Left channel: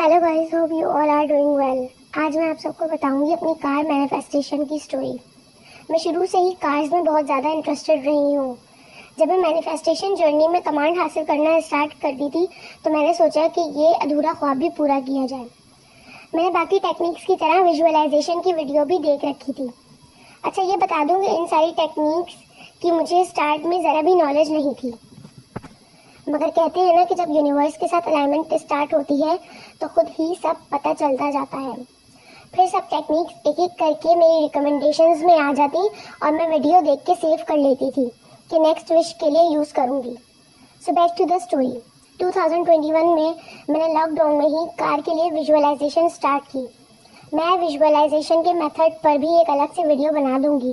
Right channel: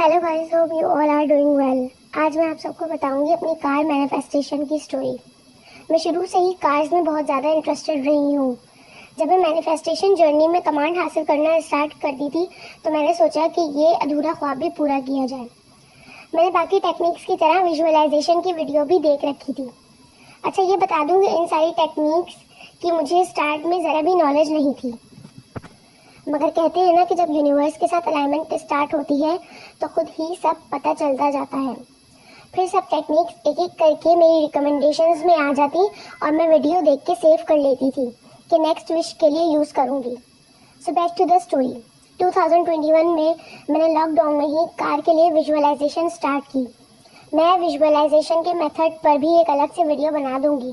Hello guys, hope you all are doing well. आज मैं आप सबको बताऊंगी अपनी कार मैनिफेस्टेशन की स्टोरी। मैं शुरू से ही कार्स में बहुत ज़्यादा इंटरेस्टेड रही हूँ। जब मैं मैनिफेस्टेशन जर्नी में कमांड हासिल करना स्टार्ट करती थी तो मैंने सोचा कि ये अधूरा ख्वाब भी पूरा किया जाए। मैंने बाकी टेक्निक्स की तरह विजुअलाइजेशन की वीडियो भी देख रखी थी। अच्छा, ये बता दूँ इन सारी टेक्निक्स की मुझे स्टार्ट में ज़रा भी नॉलेज नहीं थी, मगर कहते हैं ना कि जब यूनिवर्स के साथ अलाइनमेंट स्टार्ट होती है तो खुद ही सब पता चलता जाता है। फिर सब टेक्निक्स एक एक करके मेरी रिकमेंडेशंस में आ जाती और मैं वीडियो देख के सेव कर लेती थी कि नेक्स्ट विश के लिए यूज़ करूँगी। So back to the story. 2021 में मैंने लॉकडाउन में ही कार के लिए विजुअलाइजेशन स्टार्ट की। मैं विजुअलाइजेशन के मेथड पर भी एक अलग से वीडियो बना दूँगी।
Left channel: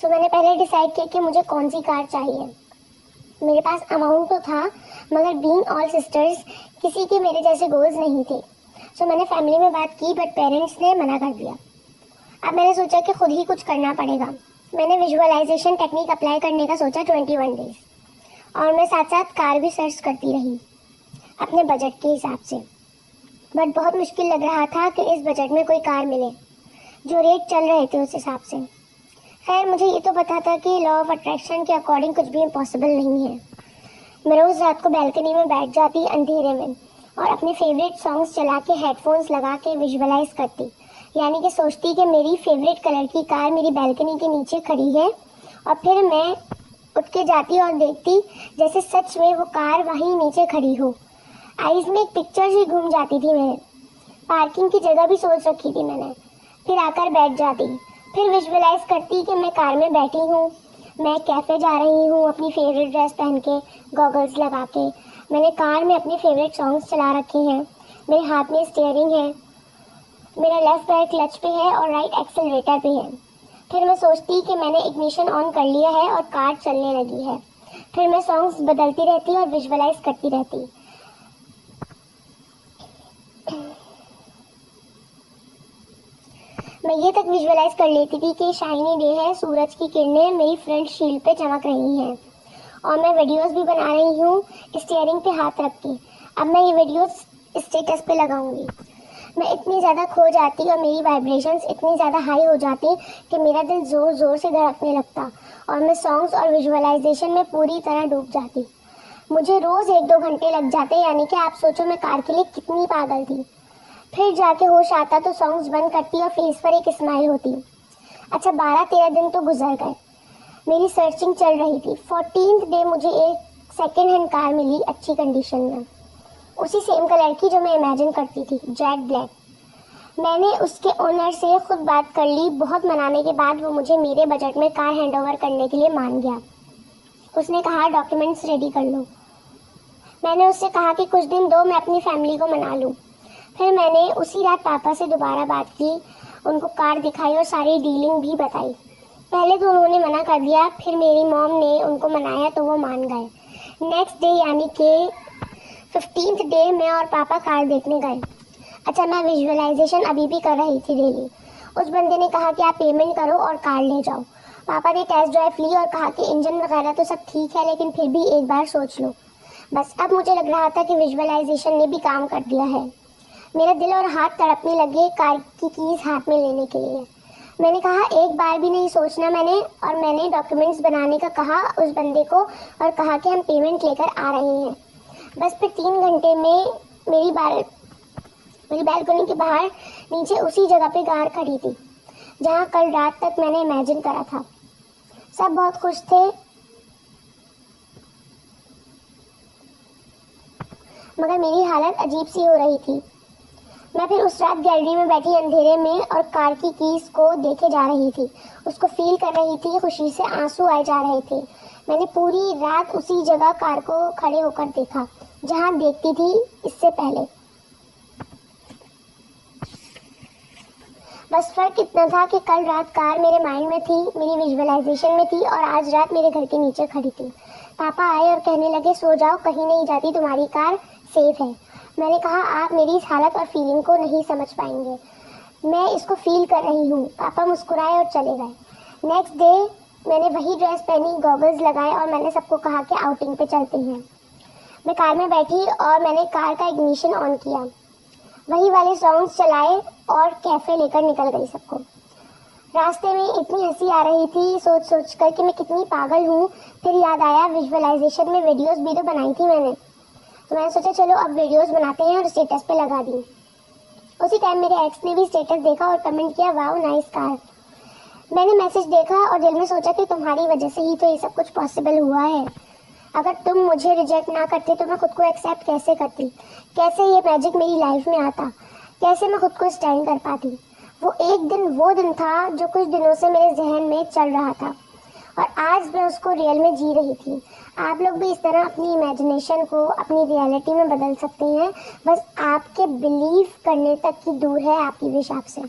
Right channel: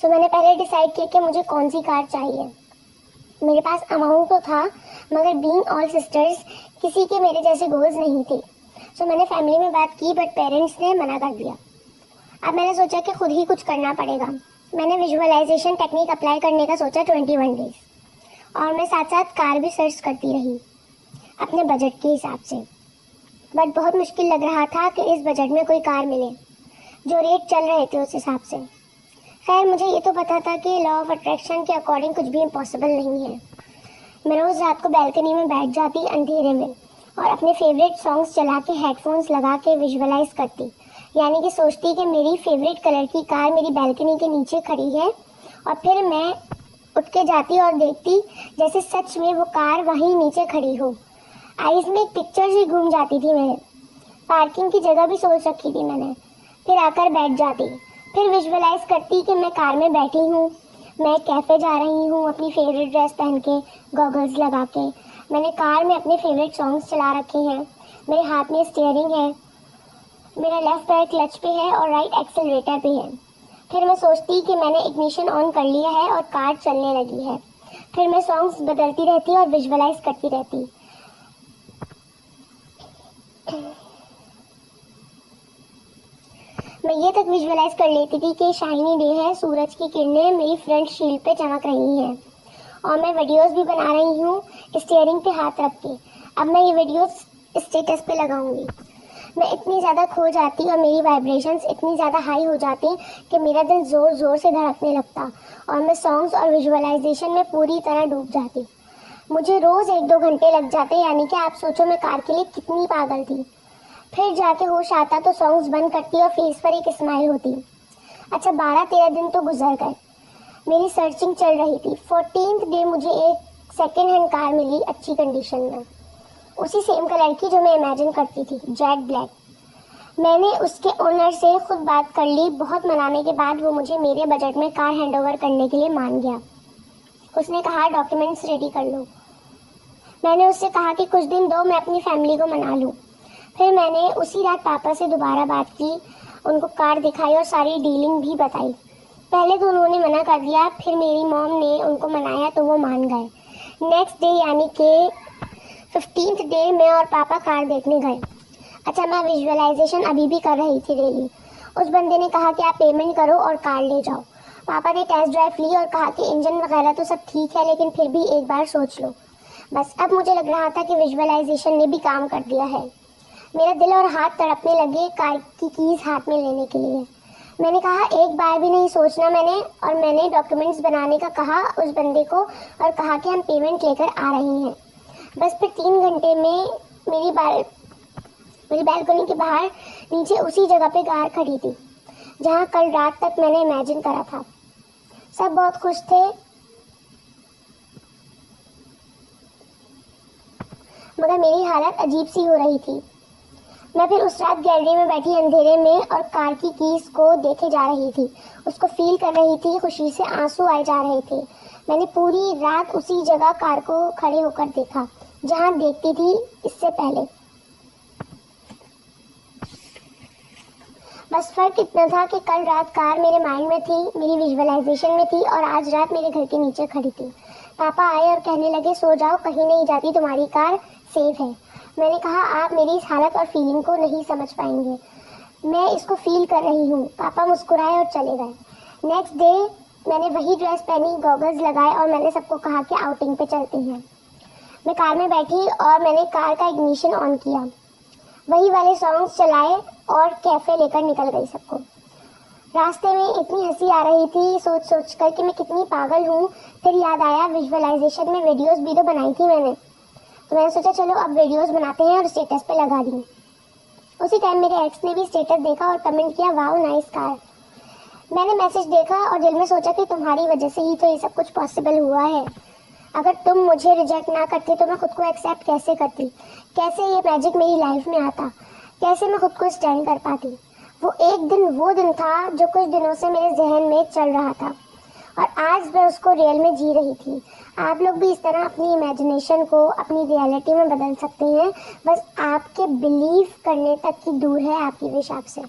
सो मैंने पहले डिसाइड किया कि मुझे कौन सी कार चाहिए। मेरे पास अमाउंट तो था, मगर बीइंग ऑल सिस्टर्स किसी के मेरे जैसे गोल्स नहीं थे। सो मैंने फैमिली में बात की बट पेरेंट्स ने मना कर दिया। अब मैंने सोचा कि खुद ही कुछ करना पड़ेगा। मैंने विजुअलाइजेशन टेक्निक अप्लाई करने का सोचा 21 डेज, और मैं साथ साथ कार भी सर्च करती रही अपने बजट के हिसाब से। बट बहुत मुश्किल लग रहा था कि इस बजट में कोई कार मिले जो रेट चल रहे थे उस हिसाब से। खैर, मुझे ये तो पता था कि लॉ ऑफ अट्रैक्शन के अकॉर्डिंग कुछ भी इम्पॉसिबल नहीं है। मैं रोज़ रात को बैल्कनी में बैठ जाती अंधेरे में और अपने फेवरेट सॉन्ग्स चला के हेडफोन्स लगा के विजुअलाइज करती, यानी कि सोचती कि मेरी फेवरेट कलर की कार मेरी बैल्कनी के नीचे खड़ी है, और फिर मैं उठ के जाती और देखती जैसे सच में वो कार वहीं नीचे खड़ी हो। आइज में एक पिक्चर ही घूम जाती थी। मैं पार्किंग की जगह भी सोच रखी थी मैंने। फिर आकर बैठ जाती, फिर विजुअलाइज करती कि मैं कार में बैठी हूँ, मैं कैफे जा रही हूँ अपनी फेवरेट ड्रेस पहन के, गॉगल्स लगा के। मैंने कार में अपने फेवरेट सॉन्ग्स चला रखे हैं, मेरे हाथ में स्टीयरिंग है, मेरा लेफ्ट पैर क्लच पे है और राइट एक्सेलरेटर पे है। फिर मैं सोचती कि मैंने इग्निशन ऑन कर लिया है और कार चलने लगी है। फिर मैं सॉन्ग्स बदलती रहती और विजुअलाइज करती रहती। मैं ये तक विजुअलाइज कर लेती थी कि शाइनी डे है, सूरज की किरणें मेरी फ्रंट शील्ड पे चमक रही हैं और मैं वीडियोस भी बना रही हूँ स्टीयरिंग पे हाथ रख के। अब मैं ये वीडियोस स्टेटस पे लगाऊंगी। मैं इतनी ज़्यादा खो जाती और मेरी वाइब्रेशंस इतनी ज़्यादा हाई हो जाती कि मेरा दिल ज़ोर ज़ोर से धड़कने लगता और मैं सॉन्ग्स और विजुअलाइजेशन में पूरी तरह डूब जाती। मुझे रोज़ 1-2 घंटे लग जाते, यानी कि आप सोचो मैं कार के लिए कितनी पागल थी। फिर जाके होश आता तो सॉन्ग्स बंद करती और फेस पर एक स्माइल होती। अच्छा, 12-13 दिन तो गुजर गए। मेरी सर्चिंग चल रही थी। 14th डे मुझे एक सेकेंड हैंड कार मिली अच्छी कंडीशन में, उसी सेम कलर की जो मैं इमेजिन करती थी, जेट ब्लैक। मैंने उसके ओनर से खुद बात कर ली। बहुत मनाने के बाद वो मुझे मेरे बजट में कार हैंड ओवर करने के लिए मान गया। उसने कहा डॉक्यूमेंट्स रेडी कर लो। मैंने उससे कहा कि कुछ दिन दो, मैं अपनी फैमिली को मना लूँ। फिर मैंने उसी रात पापा से दोबारा बात की, उनको कार दिखाई और सारी डीलिंग भी बताई। पहले तो उन्होंने मना कर दिया, फिर मेरी मॉम ने उनको मनाया तो वो मान गए। नेक्स्ट डे यानी कि 15th डे मैं और पापा कार देखने गए। अच्छा, मैं विजुअलाइजेशन अभी भी कर रही थी डेली। उस बंदे ने कहा कि आप पेमेंट करो और कार ले जाओ। पापा ने टेस्ट ड्राइव ली और कहा कि इंजन वगैरह तो सब ठीक है, लेकिन फिर भी एक बार सोच लो। बस अब मुझे लग रहा था कि विजुअलाइजेशन ने भी काम कर दिया है। मेरा दिल और हाथ तड़पने लगे कार की कीज हाथ में लेने के लिए। मैंने कहा एक बार भी नहीं सोचना मैंने डॉक्यूमेंट्स बनाने का कहा उस बंदे को और कहा कि हम पेमेंट लेकर आ रहे हैं। बस फिर 3 घंटे में मेरी बैल्कनी के बाहर नीचे उसी जगह पे कार खड़ी थी जहाँ कल रात तक मैंने इमेजिन करा था। सब बहुत खुश थे, मगर मेरी हालत अजीब सी हो रही थी। मैं फिर उस रात गैलरी में बैठी अंधेरे में और कार की कीज को देखे जा रही थी, उसको फील कर रही थी। खुशी से आंसू आए जा रहे थे। मैंने पूरी रात उसी जगह कार को खड़े होकर देखा जहां देखती थी इससे पहले। बस फर्क इतना था कि कल रात कार मेरे माइंड में थी, मेरी विजुअलाइजेशन में थी, और आज रात मेरे घर के नीचे खड़ी थी। पापा आए और कहने लगे सो जाओ, कहीं नहीं जाती, तुम्हारी कार सेफ है। मैंने कहा आप मेरी इस हालत और फीलिंग को नहीं समझ पाएंगे, मैं इसको फील कर रही हूँ। पापा मुस्कुराए और चले गए। नेक्स्ट डे मैंने वही ड्रेस पहनी, गॉगल्स लगाए और मैंने सबको कहा कि आउटिंग पे चलते हैं। मैं कार में बैठी और मैंने कार का इग्निशन ऑन किया। वही वाले सॉन्ग्स चलाए और कैफे लेकर निकल गई सबको। रास्ते में इतनी हंसी आ रही थी सोच सोच कर कि मैं कितनी पागल हूँ। फिर याद आया विजुअलाइजेशन में वीडियोस भी तो बनाई थी मैंने, तो मैंने सोचा चलो अब वीडियोस बनाते हैं और स्टेटस पे लगा दिए। उसी टाइम मेरे एक्स ने भी स्टेटस देखा और कमेंट किया, वाओ नाइस कार। मैंने मैसेज देखा और दिल में सोचा कि तुम्हारी वजह से ही तो ये सब कुछ पॉसिबल हुआ है। अगर तुम मुझे रिजेक्ट ना करते तो मैं खुद को एक्सेप्ट कैसे करती, कैसे ये मैजिक मेरी लाइफ में आता, कैसे मैं खुद को स्टैंड कर पाती। वो एक दिन वो दिन था जो कुछ दिनों से मेरे जहन में चल रहा था और आज मैं उसको रियल में जी रही थी। आप लोग भी इस तरह अपनी इमेजिनेशन को अपनी रियलिटी में बदल सकते हैं, बस आपके बिलीव करने तक की दूर है आपकी विश आपसे।